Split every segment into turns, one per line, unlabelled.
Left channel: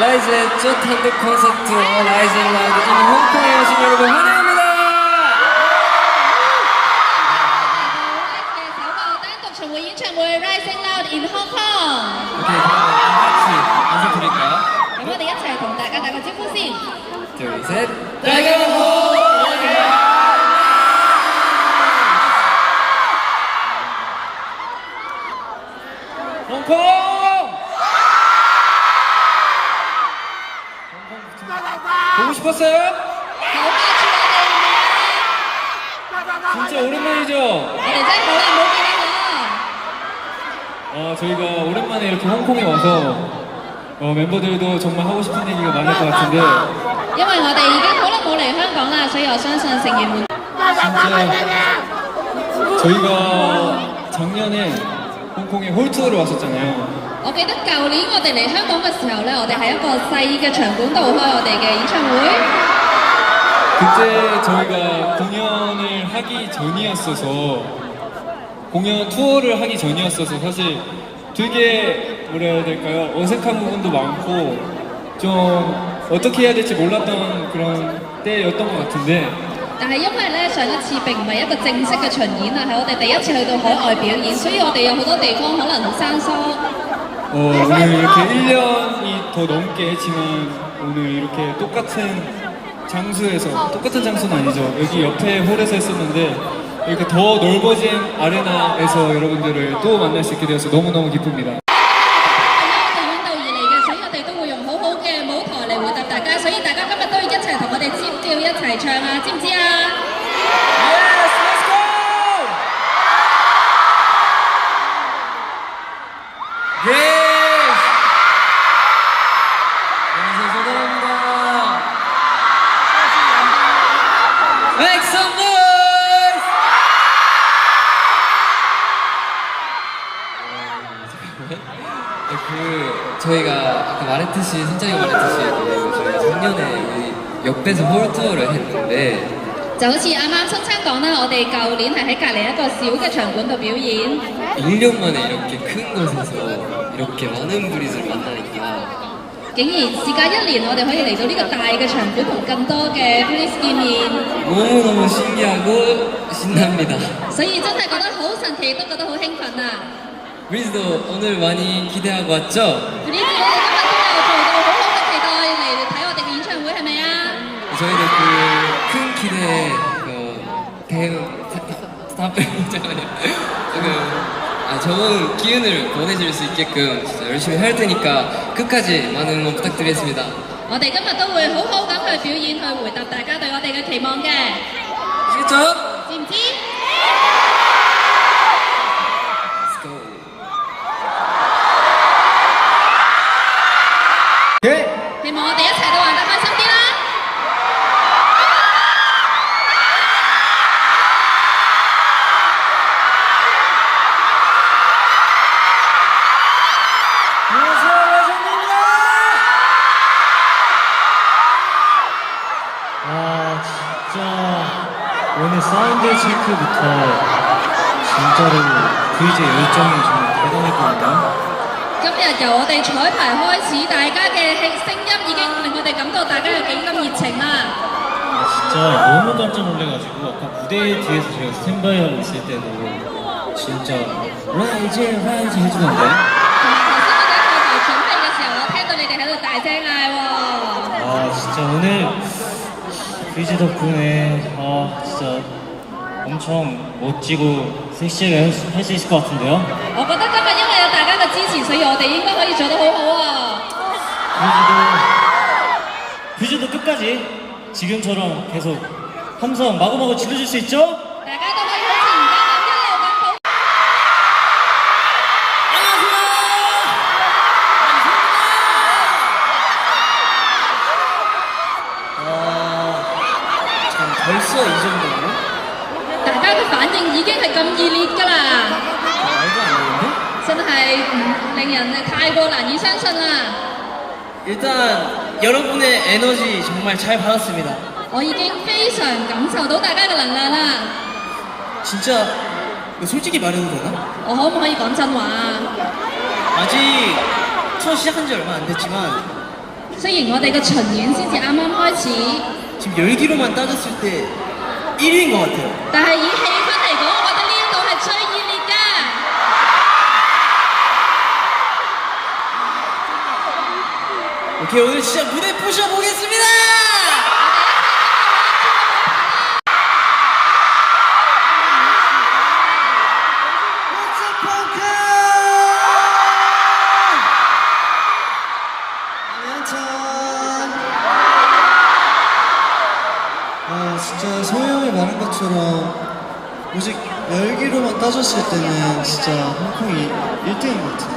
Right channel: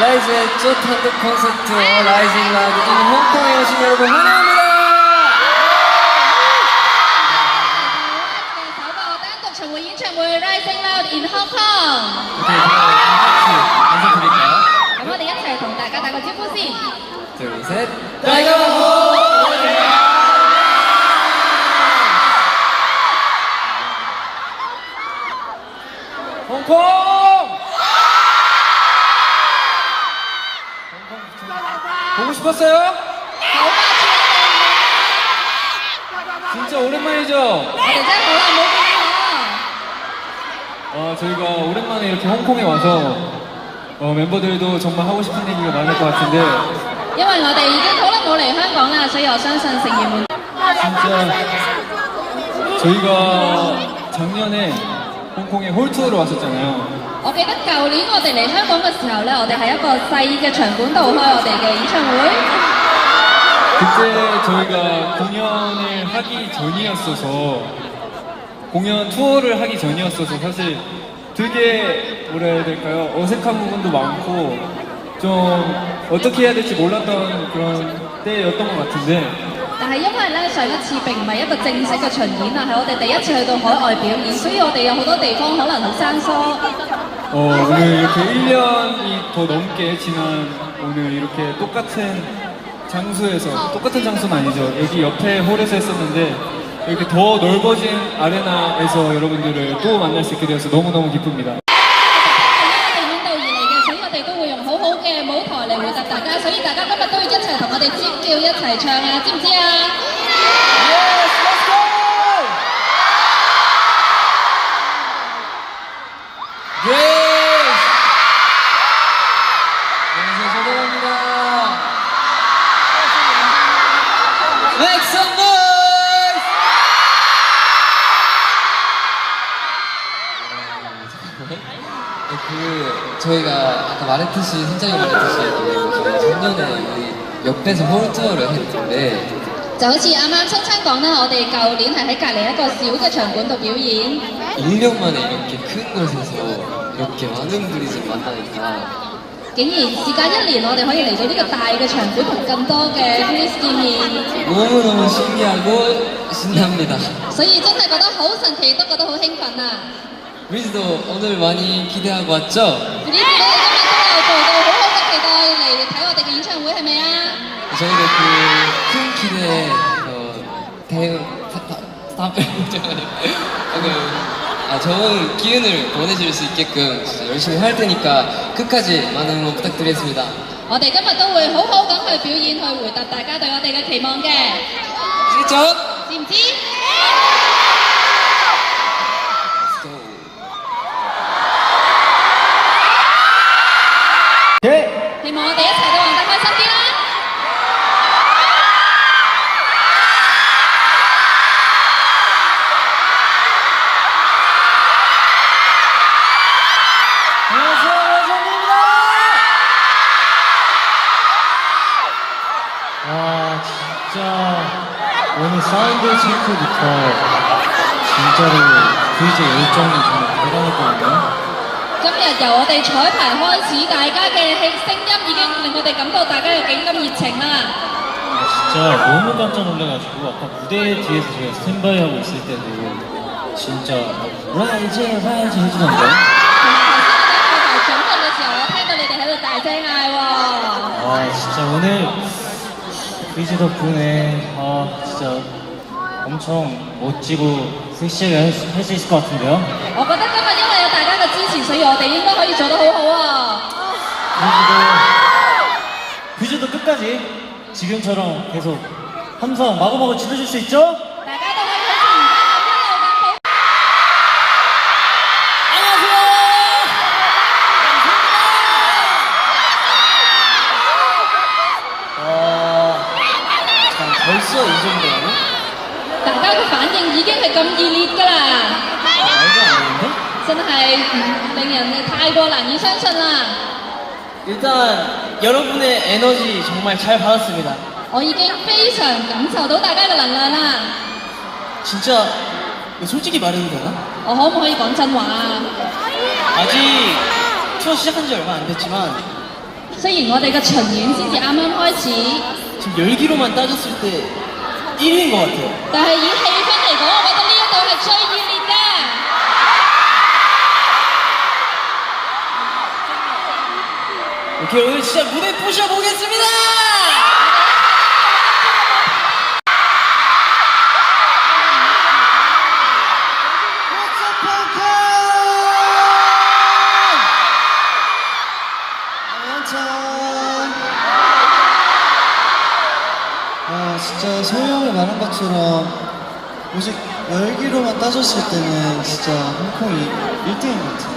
라이즈의 첫 단독 콘서트 라이징 라이브 인 홍콩에 오신 여러분 환영합니다.
嘅首個單獨巡迴演唱會 Rising Loud in Hong Kong。
오케이, 그럼 같이 인사드릴까요?
咁我哋一齊同大家打個招呼先。
둘, 셋. 빨간호! 보고 싶었어요?
好掛住我
진짜 오랜만이죠?
哋，我哋真係好耐冇見你
어, 저희가 오랜만에 이렇게 홍콩에 와서 어, 멤버들도 정말 하고 싶은 얘기가 많을 것 같은데
喎。因為我哋已經好耐冇嚟香港啦，所以我相信成員們
진짜 저희가 작년에 홍콩에 홀투어를 왔었잖아요.
我記得舊年我哋嚟香港嘅時候咧，我哋喺一個細嘅場館度開我哋嘅演唱會。
그때 저희가 공연을 하기 전이었어서 공연 투어를 하기 전이었어서 사실 되게 뭐라 해야 될까요? 어색한 부분도 많고 좀 어떻게 해야 될지 몰랐던 그런 때였던 것 같은데
但係因為咧上一次並唔係一個正式嘅巡演啊，係我哋第一次去到海外表演，所以我哋有好多地方可能好生疏。
어, 오늘 이렇게 1년이 더 넘게 했지만 오늘 이렇게 똑같은 장소에서 똑같은 장소는 아니죠. 여기 옆에 홀에서 했었는데 이렇게 더 넓어진 아레나에서 여러분들을 또 만날 수 있게 되어서 너무너무 기쁩니다.
因為我哋遠道而嚟嘅，所以我哋都會用好好嘅舞台嚟回答大家，所以大家今日都要一齊同我哋尖叫一齊唱啊，知唔知啊？
Yes, let's go! Yes! 저희가 아까 말했듯이 선장이 말했듯이 그 저희 작년에 우리 옆에서 홀 투어를 했는데
就好似啱啱秋生講啦，我哋舊年係喺隔離一個小嘅場館度表演，
1년 만에 이렇게 큰 곳에서 이렇게 많은 분이들 만나니까
竟然事隔一年，我哋可以嚟到呢個大嘅場館同咁多嘅 Prince 見面，
너무너무 신기하고 신납니다.
所以真係覺得好神奇，都覺得好興奮啊！
브리즈도 오늘 많이 기대하고 왔죠?
呢啲你哋今日都有做到好好嘅期待嚟睇我哋嘅演唱會係咪啊？
저희도 그 큰 기대에 어, 대응 스탑 잠깐만요. 그, 아, 좋은 기운을 보내줄 수 있게끔 진짜 열심히 할 테니까 끝까지 많은 응원 부탁드리겠습니다.
我哋今日都會好好咁去表演，去回答大家對我哋嘅期望嘅，
아시겠죠?
知唔知？
오늘 사운드 체크부터 진짜로 VJ 열정이 정말 대단했거든요.
今日由我哋彩排開始，大家嘅氣聲音已經令我哋感到大家有幾咁熱情啦！
아, 진짜 너무 깜짝 놀래가지고 아까 무대 뒤에서 제가 스탠바이 하고 있을 때도 진짜 라이즈 라이즈 해주던데
同埋頭先我哋喺後台準備嘅時候，我聽到你哋喺度大聲嗌喎。
아 진짜 오늘 VJ 덕분에 아 진짜 엄청 멋지고 섹시하게 할 수 있을 것 같은데요
我覺得今日因為有大家嘅支持，所以我哋應該可以做得好好啊！
VJ도 VJ도 끝까지 지금처럼 계속 함성 마구마구 질러줄 수 있죠? 벌써 이 정도라고?
大家嘅反應已經係咁熱烈㗎啦，
말도 안 되는데?
真係嗯令人太過難以相信啦！
일단 여러분의 에너지 정말 잘 받았습니다.
我已經非常感受到大家嘅能量啦。
진짜 이거 솔직히 말해도 되나?
我可唔可以講真話啊？
아직 투어 시작한 지 얼마 안 됐지만
雖然我哋嘅巡演先至啱啱開始，
지금 열기로만 따졌을 때 1위인 것 같아요.
但係以氣氛嚟講，我覺得呢一度係最熱烈嘅。
오케이 오늘 진짜 무대 부셔보겠습니다.
진짜 소희 형이 말한 것처럼 오직 열기로만 따졌을 때는 진짜 홍콩이 1등인 것 같은데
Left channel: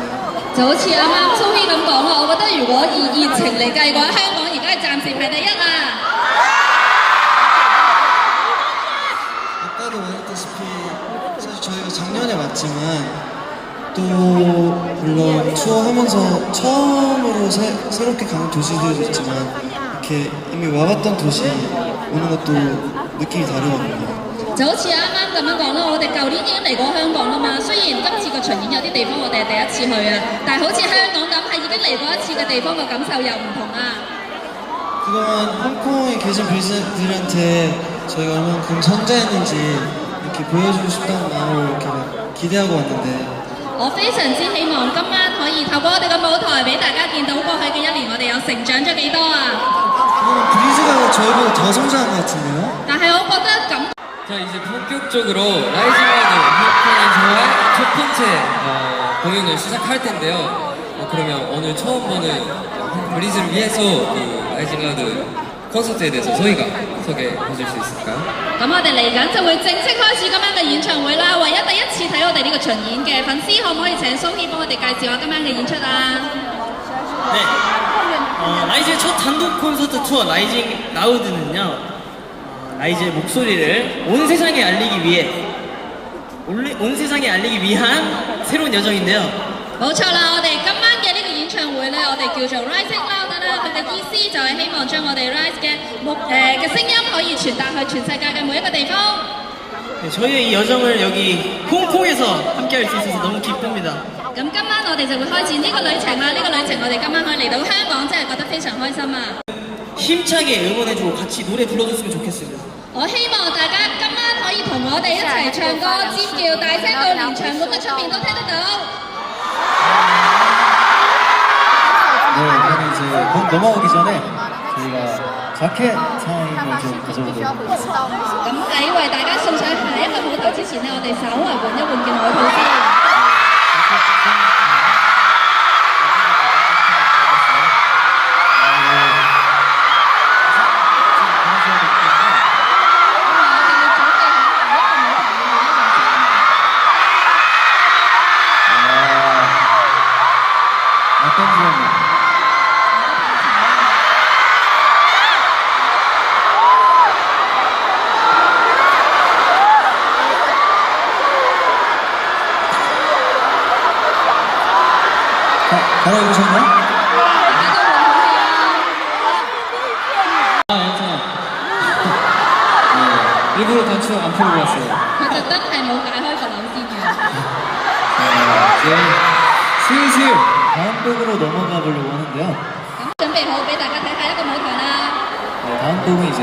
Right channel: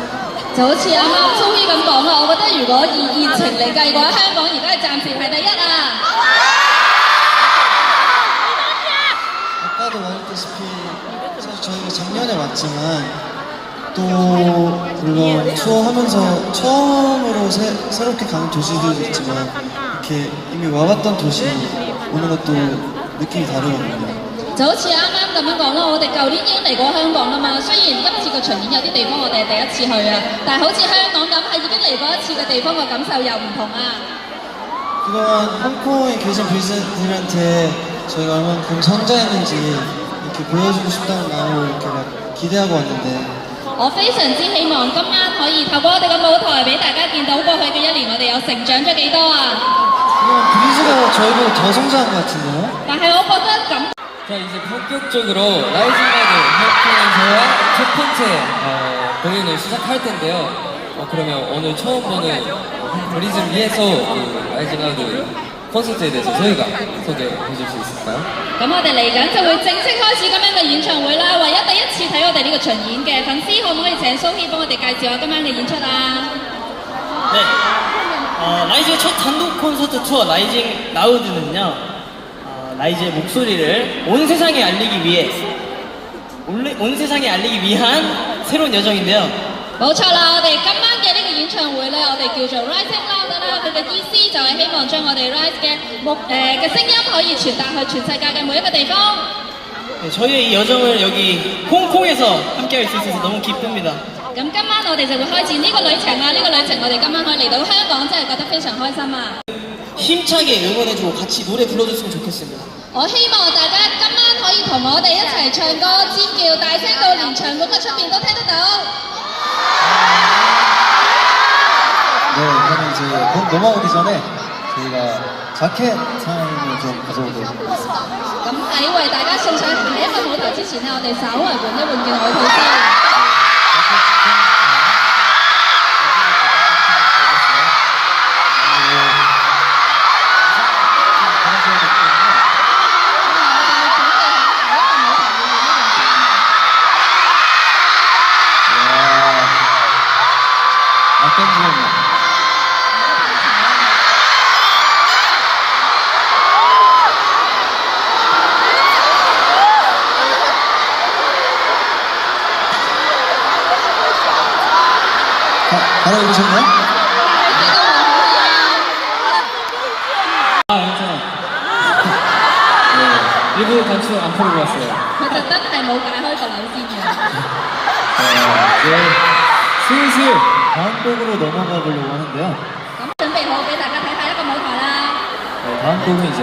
就好似啱啱蘇希咁講啦，我覺得如果以熱情嚟計嘅話，香港而家係暫時係第一啊！
아까도 말했다시피 사실 저희가 작년에 왔지만 또 물론 투어하면서 처음으로 새, 새롭게 가는 도시들도 있지만 이렇게 이미 와봤던 도시 오는 것도 느낌이 다르거든요
就好似啱啱咁樣講啦，我哋舊年已經嚟過香港啦嘛。雖然今次個巡演有啲地方我哋係第一次去啊，但係好似香港咁係已經嚟過一次嘅地方個感受又唔同啊！
그동안 홍콩에 계신 분들한테 저희가 얼만큼 성장했는지 이렇게 보여주고 싶다는 마음으로 이렇게 막 기대하고 왔는데
我非常之希望今晚可以透過我哋嘅舞台俾大家見到過去嘅一年我哋有成長咗幾多啊！
그동안 브리즈가 저희보다 더 성장한 것 같은데요?
但係我覺得咁
자 이제 본격적으로 라이징 라이드 헬프에서와 첫 번째 어, 공연을 시작할 텐데요. 어, 그러면 오늘 처음 보는 어, 브리즈를 위해서 그 라이징 라이드 콘서트에 대해서 저희가 소개해 줄 수 있을까요?
咁我哋嚟緊就會正式開始今晚嘅演唱會啦。唯一第一次睇我哋呢個巡演嘅粉絲，可唔可以請蘇希幫我哋介紹下今晚嘅演出啊？
네. 어, 라이즈의 첫 단독 콘서트 투어 라이징 라우드는요. 어, 라이즈의 목소리를 온 세상에 알리기 위해 온, 온 세상에 알리기 위한 새로운 여정인데요.
冇錯啦，我哋今晚嘅呢個演唱會咧，我哋叫做 Rising Loud 啦。佢嘅意思就係希望將我哋 Rise 嘅目誒嘅聲音可以傳達去全世界嘅每一個地方。
네, 저희의 이 여정을 여기 홍콩에서 함께 할 수 있어서 너무 기쁩니다.
咁今晚我哋就會開展呢個旅程啦。呢、個旅程我哋今晚可以嚟到香港，真係覺得非常開心啊！
힘차게 응원해주고 같이 노래 불러줬으면 좋겠습니다.
我希望大家今晚可以同我哋一齊唱歌、尖叫，大聲到連場館嘅出面都聽得到。
네, 그러면 이제 곧 넘어가기 전에 저희가 자켓 타임을 좀 가져보도록 하겠습니다.
咁喺為大家送上下一個舞台之前呢，我哋稍為換一換件外套先。
알아들으셨나요?
아, 괜찮아. 네, 일부러 단추 안 풀고 왔어요.
Thật ra tính này mụ cài hơi còn lộn chi nhiều
아, 이제 슬슬
다음 곡으로 넘어가 보려고 하는데요.
Cũng chuẩn bị hộ để đại ca thấy hai đó có mỗi thọ la
네, 다음 곡은 이제